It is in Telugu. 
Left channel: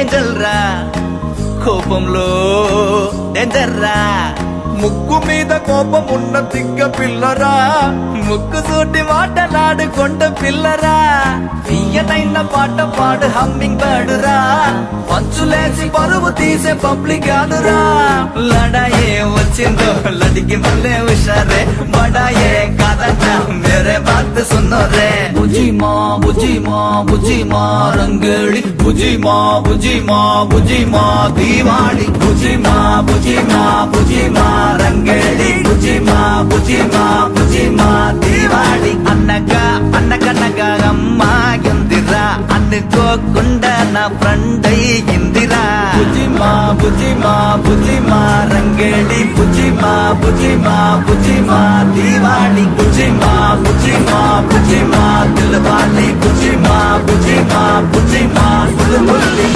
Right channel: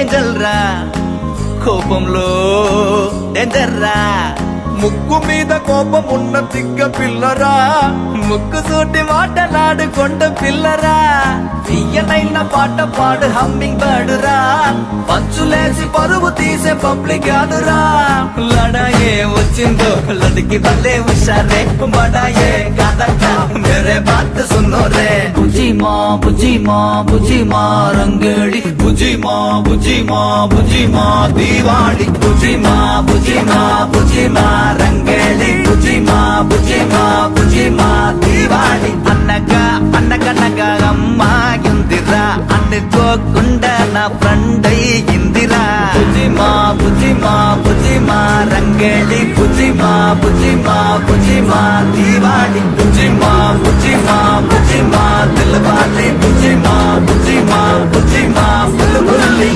ఏంజల్ రా కోపంలో డేంజర్ రా ముక్కు మీద కోపం ఉన్న తిక్క పిల్లరా, ముక్కు సూటి మాటలాడుకొండ పిల్లరా తీయనైన పాట పాడు హమ్మింగ్ బర్డ్ రా పంచులేసి పరువు తీసే పబ్లిక్ ఆడురా లడాయే వచ్చిందో లదికి వల్లే హుషారే మడాయే కాదన్నా మేరే బాత్ సున్నో రే బుజీ మా బుజీ మా బుజీ మా రంగేళి బుజీ మా బుజీ మా బుజీ మా దీవాళి బుజీ మా బుజీ మా బుజీ మా రంగేళి బుజీ మా బుజీ మా బుజీ మా దీవాళి అన్నగా అన్నకన్నగా అమ్మాయిందిరా అనుకోకుండా నా ఫ్రెండ్ అయ్యిందిరా బుజీ మా బుజీ మా బుజీ మా రంగేళి బుజీ మా బుజీ మా బుజీ మా దీవాళి బుజీ మా బుజీ మా బుజీ మా దిల్వాలి బుజీ మా బుజీ మా బుజీ మా బుల్బుల్లి